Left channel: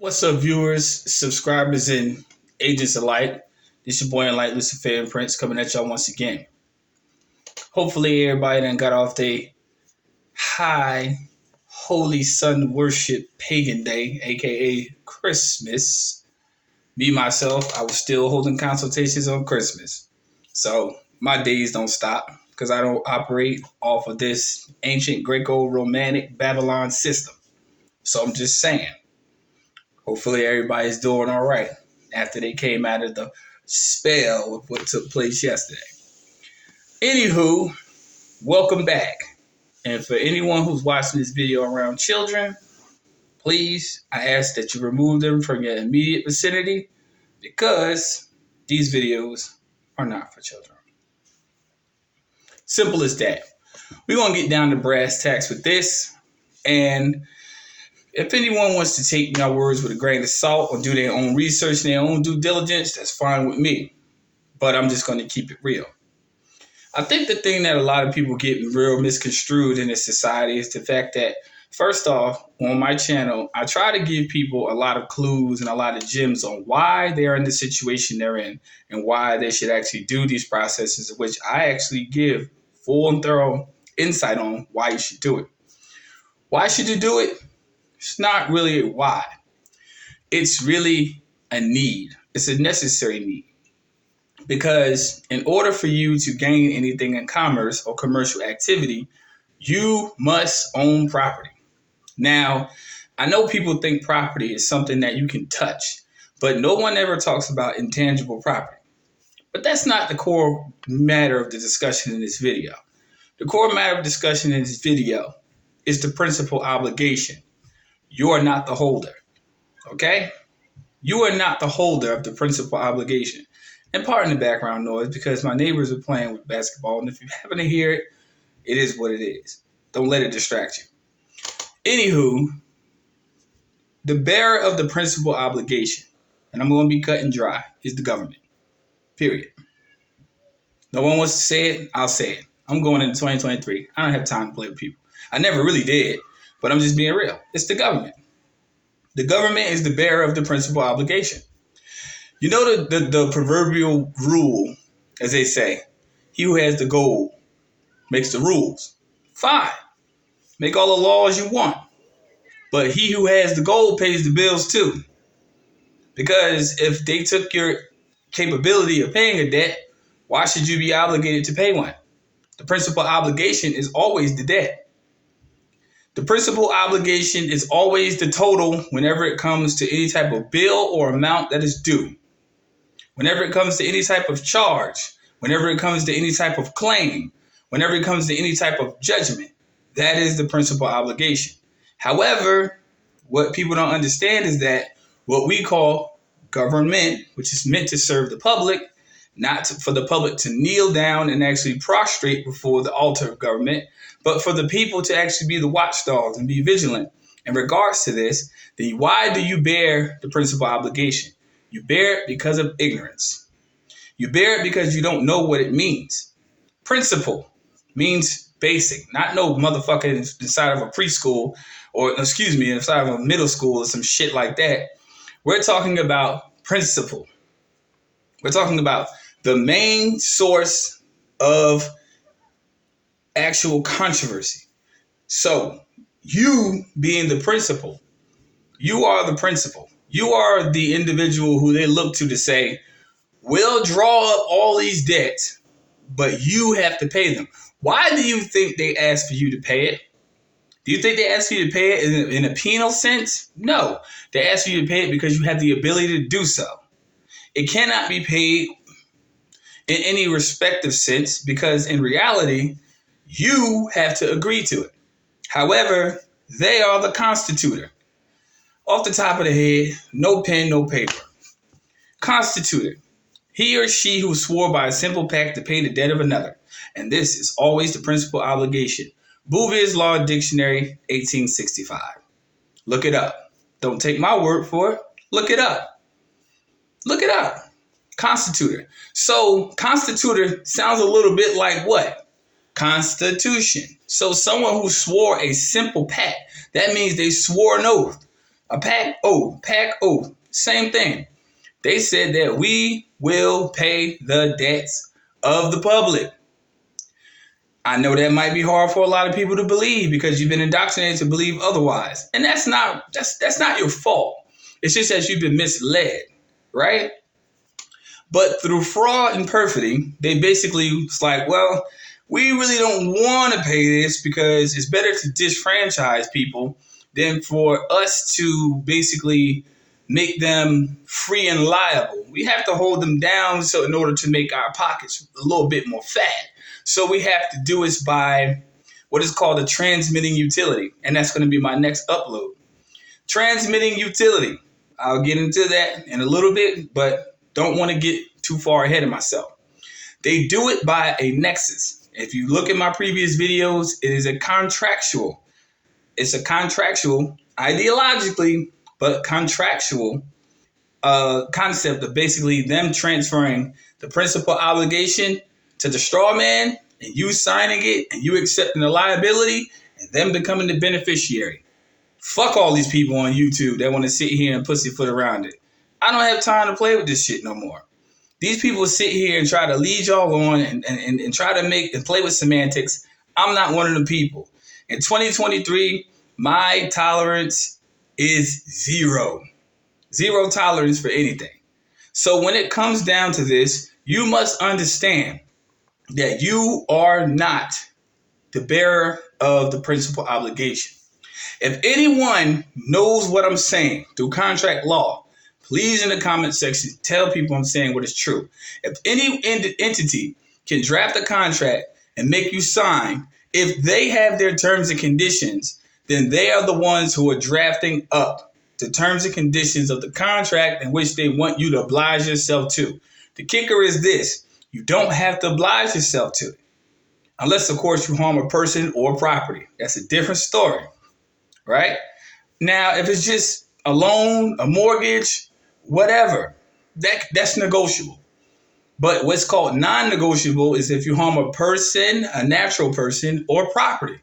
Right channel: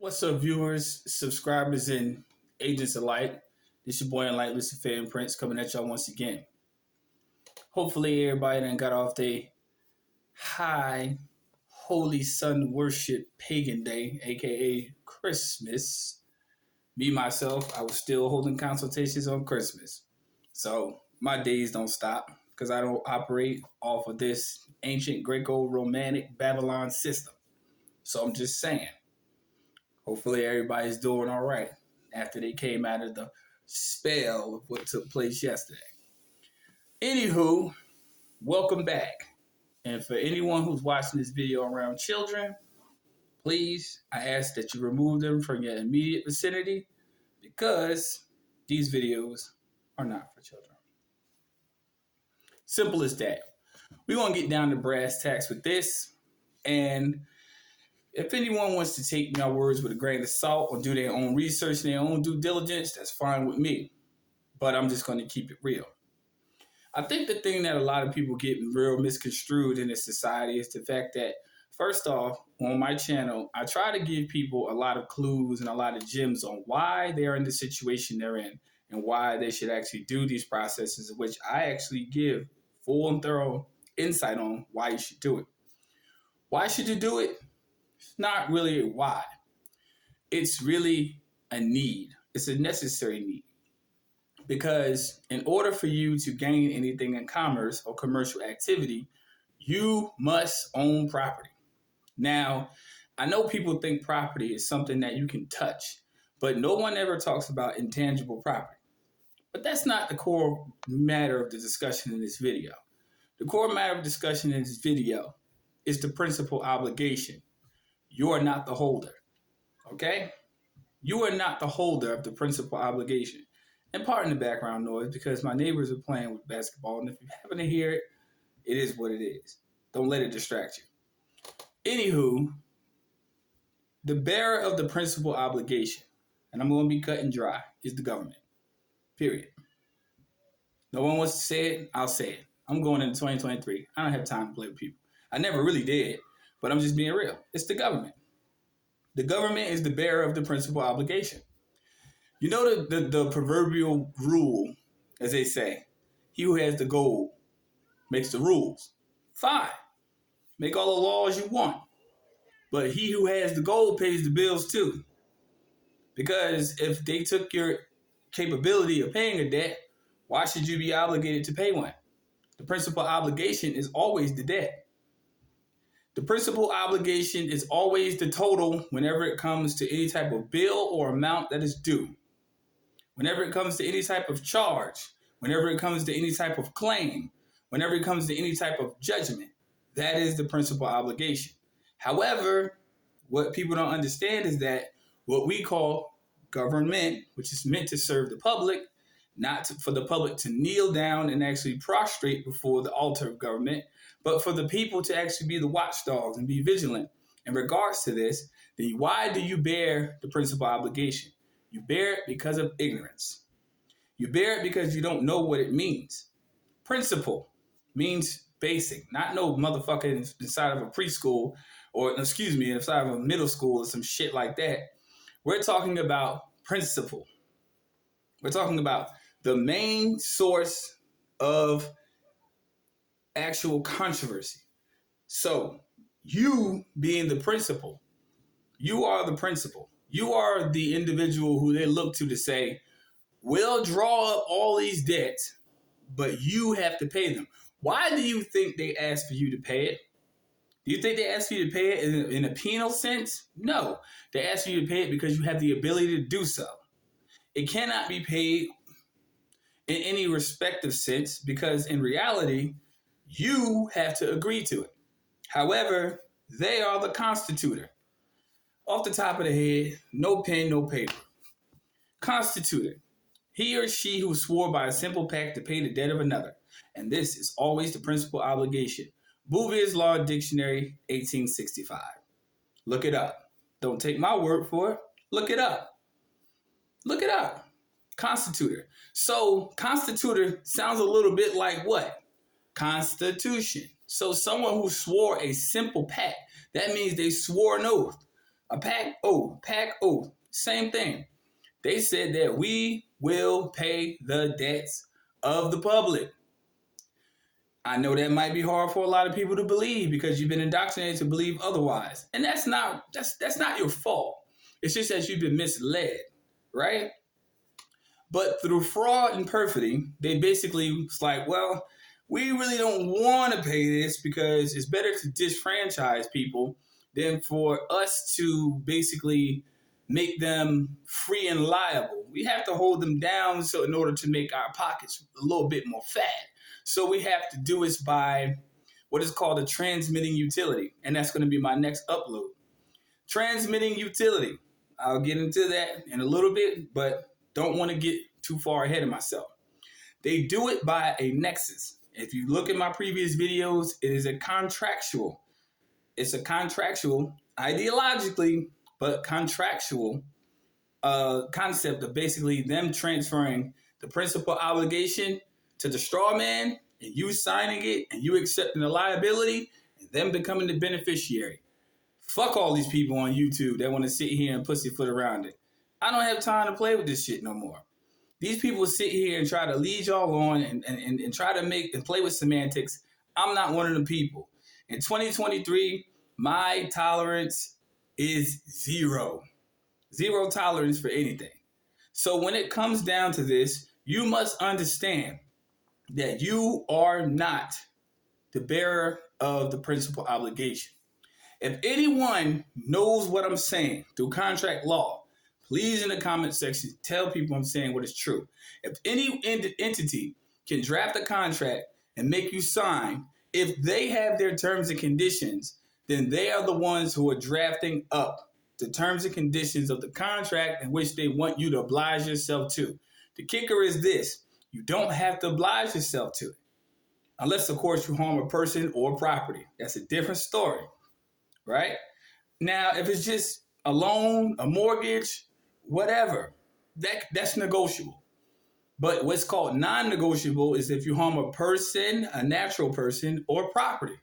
What's up, viewers, subscribers, and agents alike? This your boy Enlightened Luciferian Prince coming at y'all once again. Hopefully, everybody done got off their high holy sun worship pagan day, aka Christmas. Me, myself, I was still holding consultations on Christmas. So, my days don't stop because I don't operate off of this ancient Greco-Romantic Babylon system. So, I'm just saying. Hopefully everybody's doing all right after they came out of the spell of what took place yesterday. Anywho, welcome back. And for anyone who's watching this video around children, please, I ask that you remove them from your immediate vicinity because these videos are not for children. Simple as that. We're going to get down to brass tacks with this. And if anyone wants to take my words with a grain of salt or do their own research and their own due diligence, that's fine with me. But I'm just going to keep it real. I think the thing that a lot of people get real misconstrued in this society is the fact that, first off, on my channel, I try to give people a lot of clues and a lot of gems on why they're in the situation they're in and why they should actually do these processes, which I actually give full and thorough insight on why you should do it. Why should you do it? It's not really a why. It's really a need. It's a necessary need. Because in order for you to gain anything in commerce or commercial activity, you must own property. Now, I know people think property is something that you can touch, but no one ever talks about intangible property. But that's not the core matter of the discussion in this video. The core matter of discussion in this video is the principal obligation. You are not the holder, okay? You are not the holder of the principal obligation. And pardon the background noise because my neighbors are playing with basketball, and if you happen to hear it, it is what it is. Don't let it distract you. Anywho, the bearer of the principal obligation, and I'm going to be cut and dry, is the government, period. No one wants to say it, I'll say it. I'm going into 2023. I don't have time to play with people. I never really did. But I'm just being real. It's the government. The government is the bearer of the principal obligation. You know the proverbial rule, as they say, he who has the gold makes the rules. Fine. Make all the laws you want. But he who has the gold pays the bills too. Because if they took your capability of paying a debt, why should you be obligated to pay one? The principal obligation is always the debt. The principal obligation is always the total whenever it comes to any type of bill or amount that is due. Whenever it comes to any type of charge, whenever it comes to any type of claim, whenever it comes to any type of judgment, that is the principal obligation. However, what people don't understand is that what we call government, which is meant to serve the public, for the public to kneel down and actually prostrate before the altar of government, but for the people to actually be the watchdogs and be vigilant. In regards to this, then why do you bear the principal obligation? You bear it because of ignorance. You bear it because you don't know what it means. Principle means basic, not no motherfucker inside of a preschool or, inside of a middle school or some shit like that. We're talking about principle. We're talking about the main source of actual controversy. So, you being the principal, you are the principal. You are the individual who they look to say, we'll draw up all these debts, but you have to pay them. Why do you think they ask for you to pay it? Do you think they ask you to pay it in a penal sense? No. They ask you to pay it because you have the ability to do so. It cannot be paid in any respective sense because in reality, you have to agree to it. However, they are the constitutor. Off the top of the head, no pen, no paper. Constitutor. He or she who swore by a simple pact to pay the debt of another. And this is always the principal obligation. Bouvier's Law Dictionary, 1865. Look it up. Don't take my word for it. Look it up. Look it up. Constitutor. So, constitutor sounds a little bit like what? Constitution. So, someone who swore a simple pact, that means they swore an oath. A pack oath, same thing. They said that we will pay the debts of the public. I know that might be hard for a lot of people to believe because you've been indoctrinated to believe otherwise. And that's not your fault. It's just that you've been misled, right? But through fraud and perfidy, they basically it's like, well, we really don't want to pay this because it's better to disfranchise people than for us to basically make them free and liable. We have to hold them down so in order to make our pockets a little bit more fat. So we have to do it by what is called a transmitting utility. And that's going to be my next upload. Transmitting utility. I'll get into that in a little bit, but don't want to get too far ahead of myself. They do it by a nexus. If you look at my previous videos, it is a contractual. It's a contractual, ideologically, but contractual concept of basically them transferring the principal obligation to the straw man and you signing it and you accepting the liability and them becoming the beneficiary. Fuck all these people on YouTube that want to sit here and pussyfoot around it. I don't have time to play with this shit no more. These people sit here and try to lead y'all on and try to make and play with semantics. I'm not one of the people. In 2023, my tolerance is zero. Zero tolerance for anything. So when it comes down to this, you must understand that you are not the bearer of the principal obligation. If anyone knows what I'm saying through contract law, please in the comment section tell people I'm saying what is true. If any entity can draft a contract and make you sign, if they have their terms and conditions, then they are the ones who are drafting up the terms and conditions of the contract in which they want you to oblige yourself to. The kicker is this: you don't have to oblige yourself to it. Unless, of course, you harm a person or property. That's a different story, right? Now, if it's just a loan, a mortgage, whatever, that's negotiable. But what's called non-negotiable is if you harm a person, a natural person, or property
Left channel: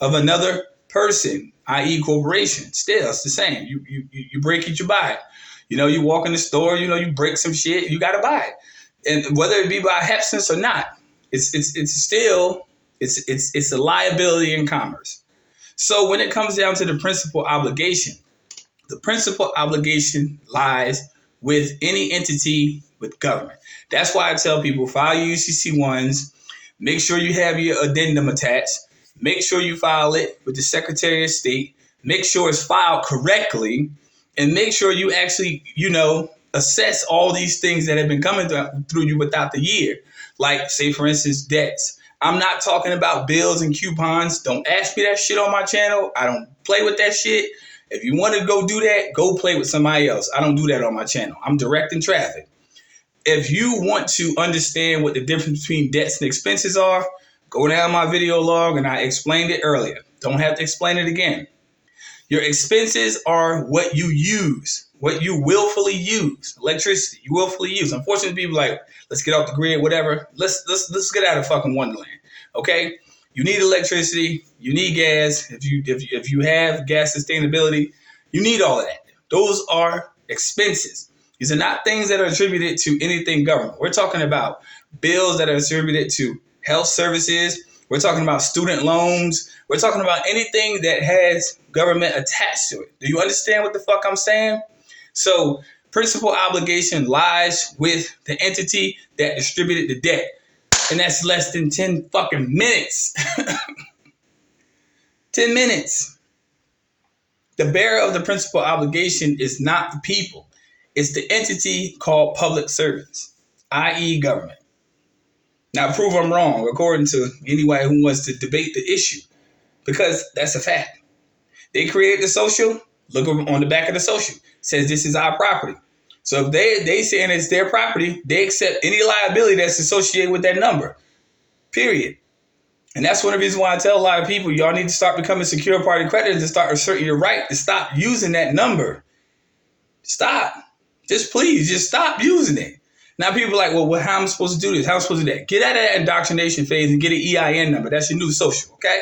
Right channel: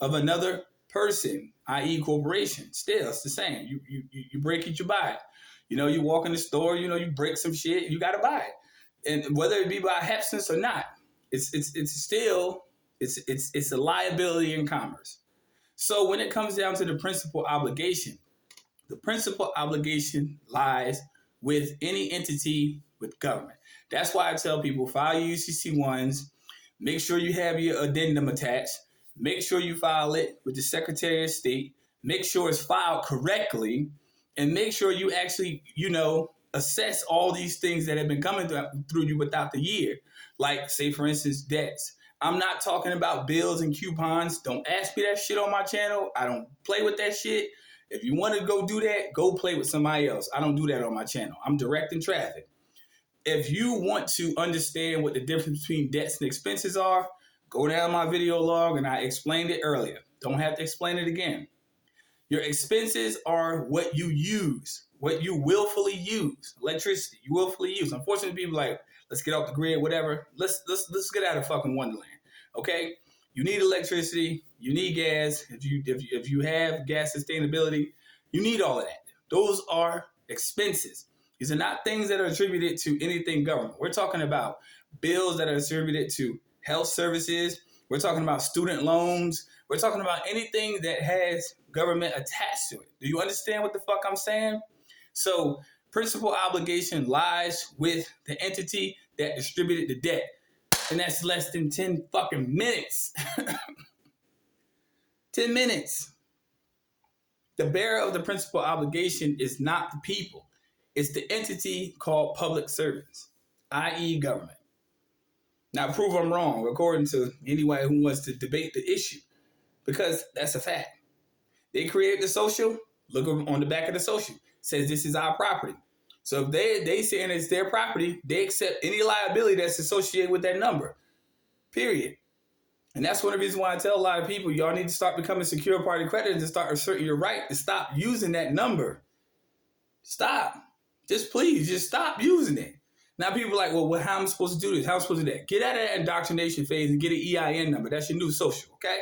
of another person, i.e. corporation. Still, it's the same. You break it, you buy it. You know, you walk in the store, you know, you break some shit, you got to buy it. And whether it be by happenstance or not, it's still a liability in commerce. So when it comes down to the principal obligation, the principal obligation lies with any entity with government. That's why I tell people, file your UCC-1s, make sure you have your addendum attached, make sure you file it with the Secretary of State, make sure it's filed correctly, and make sure you actually, assess all these things that have been coming through you without the year. Like, say, for instance, debts. I'm not talking about bills and coupons. Don't ask me that shit on my channel. I don't play with that shit. If you want to go do that, go play with somebody else. I don't do that on my channel. I'm directing traffic. If you want to understand what the difference between debts and expenses are, go down my video log and I explained it earlier. Don't have to explain it again. Your expenses are what you use, what you willfully use. Electricity, you willfully use. Unfortunately, people are like, let's get off the grid, whatever. Let's get out of fucking Wonderland. Okay? You need electricity, you need gas. If you have gas sustainability, you need all of that. Those are expenses. These are not things that are attributed to anything government. We're talking about bills that are attributed to health services. We're talking about student loans. We're talking about anything that has government attached to it. Do you understand what the fuck I'm saying? So principal obligation lies with the entity that distributed the debt. And that's less than 10 fucking minutes. 10 minutes. The bearer of the principal obligation is not the people. It's the entity called public servants, i.e. government. Now, prove I'm wrong, according to anybody who wants to debate the issue, because that's a fact. They create the social, look on the back of the social, says this is our property. So if they saying it's their property, they accept any liability that's associated with that number, period. And that's one of the reasons why I tell a lot of people, y'all need to start becoming secure party creditors and start asserting your right to stop using that number. Stop. Just please, just stop using it. Now people are like, well, how am I supposed to do this? How am I supposed to do that? Get out of that indoctrination phase and get an EIN number. That's your new social, okay?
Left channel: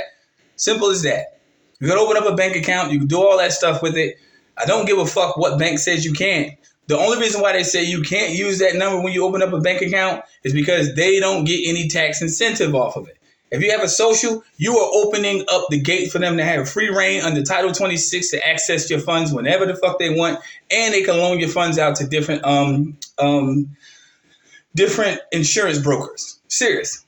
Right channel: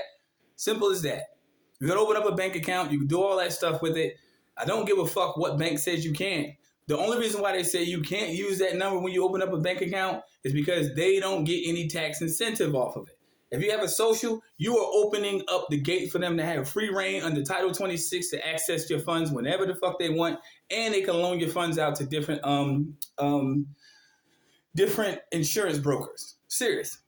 Simple as that. You can open up a bank account. You can do all that stuff with it. I don't give a fuck what bank says you can't. The only reason why they say you can't use that number when you open up a bank account is because they don't get any tax incentive off of it. If you have a social, you are opening up the gate for them to have free reign under Title 26 to access your funds whenever the fuck they want, and they can loan your funds out to different insurance brokers. Serious.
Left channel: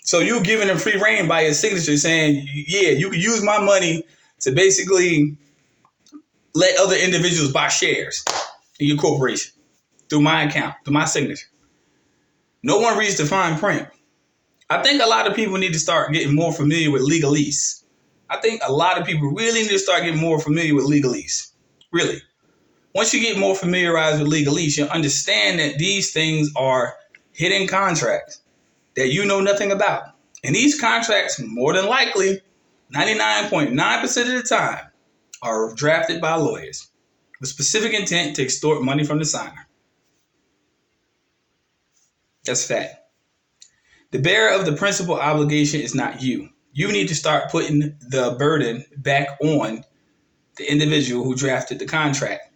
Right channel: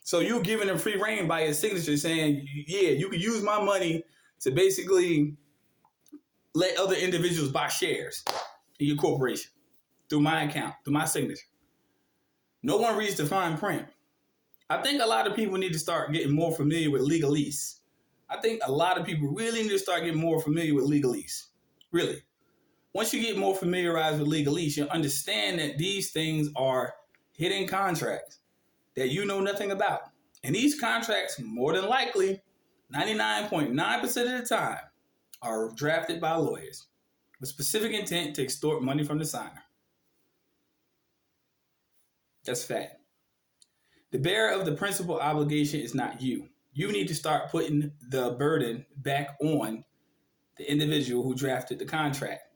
So you giving them free reign by your signature saying, yeah, you can use my money to basically let other individuals buy shares in your corporation through my account, through my signature. No one reads the fine print. I think a lot of people need to start getting more familiar with legalese. I think a lot of people really need to start getting more familiar with legalese. Really. Once you get more familiarized with legalese, you'll understand that these things are hidden contracts that you know nothing about. And these contracts, more than likely, 99.9% of the time, are drafted by lawyers with specific intent to extort money from the signer. That's fact. The bearer of the principal obligation is not you. You need to start putting the burden back on the individual who drafted the contract.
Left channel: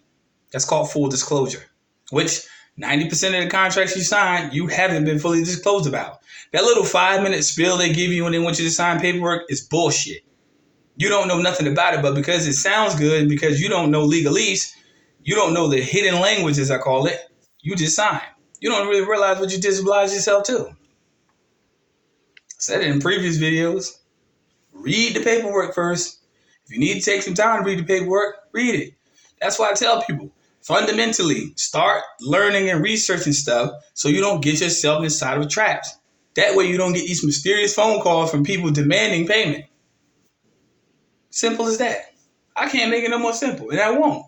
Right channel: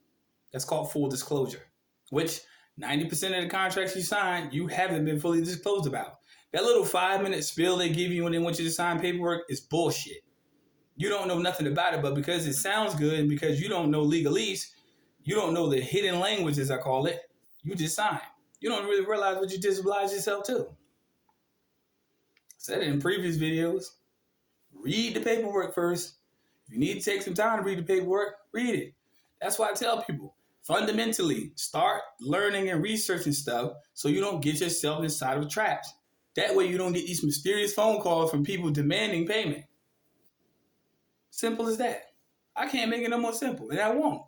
That's called full disclosure, which 90% of the contracts you sign, you haven't been fully disclosed about. That little 5-minute spiel they give you when they want you to sign paperwork is bullshit. You don't know nothing about it, but because it sounds good and because you don't know legalese, you don't know the hidden language, as I call it, you just sign. You don't really realize what you disoblige yourself to. I said it in previous videos. Read the paperwork first. If you need to take some time to read the paperwork, read it. That's why I tell people, fundamentally, start learning and researching stuff so you don't get yourself inside of traps. That way you don't get these mysterious phone calls from people demanding payment. Simple as that. I can't make it no more simple, and I won't.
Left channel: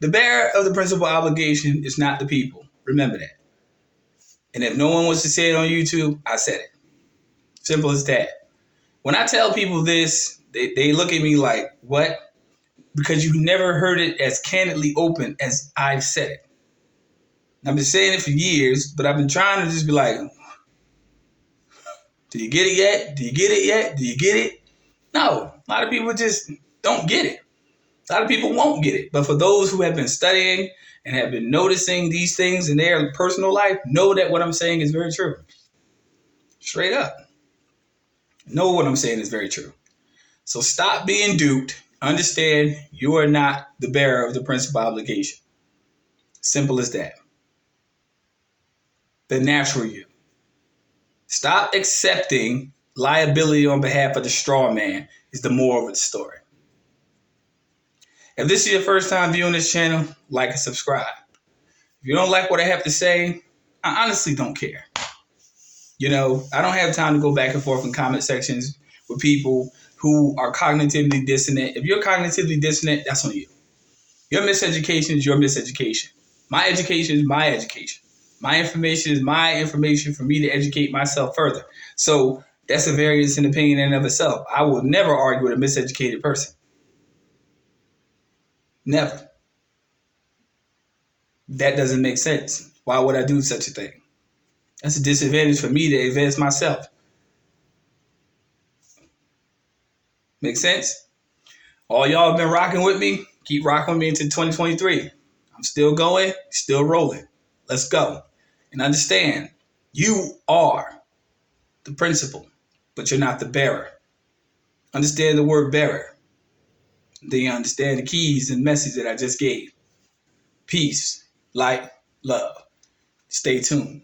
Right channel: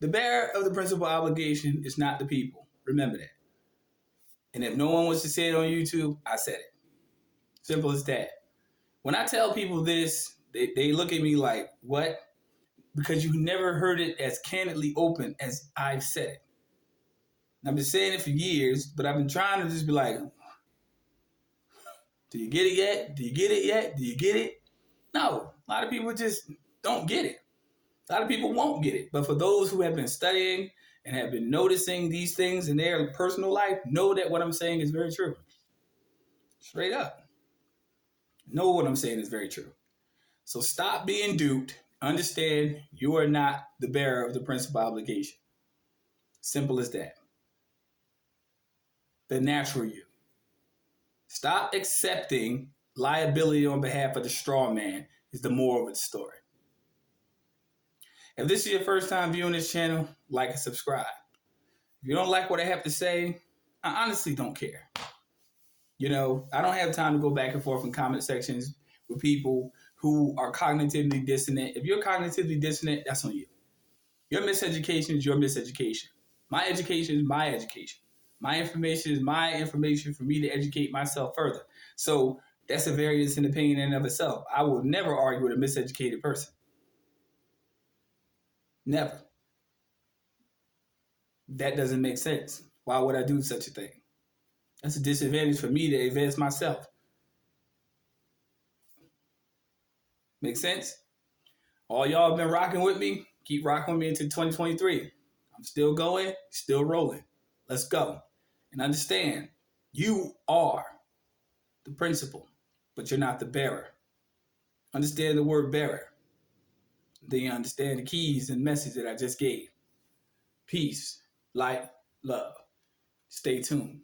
The bearer of the principal obligation is not the people. Remember that. And if no one wants to say it on YouTube, I said it. Simple as that. When I tell people this, they look at me like, what? Because you've never heard it as candidly open as I've said it. I've been saying it for years, but I've been trying to just be like, do you get it yet? Do you get it yet? Do you get it? No, a lot of people just don't get it. A lot of people won't get it. But for those who have been studying and have been noticing these things in their personal life, know that what I'm saying is very true. Straight up. Know what I'm saying is very true. So stop being duped. Understand you are not the bearer of the principal obligation. Simple as that. The natural you. Stop accepting liability on behalf of the straw man is the moral of the story. If this is your first time viewing this channel, like and subscribe. If you don't like what I have to say, I honestly don't care. You know, I don't have time to go back and forth in comment sections with people who are cognitively dissonant. If you're cognitively dissonant, that's on you. Your miseducation is your miseducation. My education is my education. My information is my information for me to educate myself further. So that's a variance in opinion in and of itself. I will never argue with a miseducated person. Never. That doesn't make sense. Why would I do such a thing? That's a disadvantage for me to advance myself. Make sense? All y'all have been rocking with me. Keep rocking with me into 2023. I'm still going, still rolling. Let's go. And understand, you are the principal, but you're not the bearer. Understand the word bearer. Then you understand the keys and message that I just gave. Peace, light, love. Stay tuned.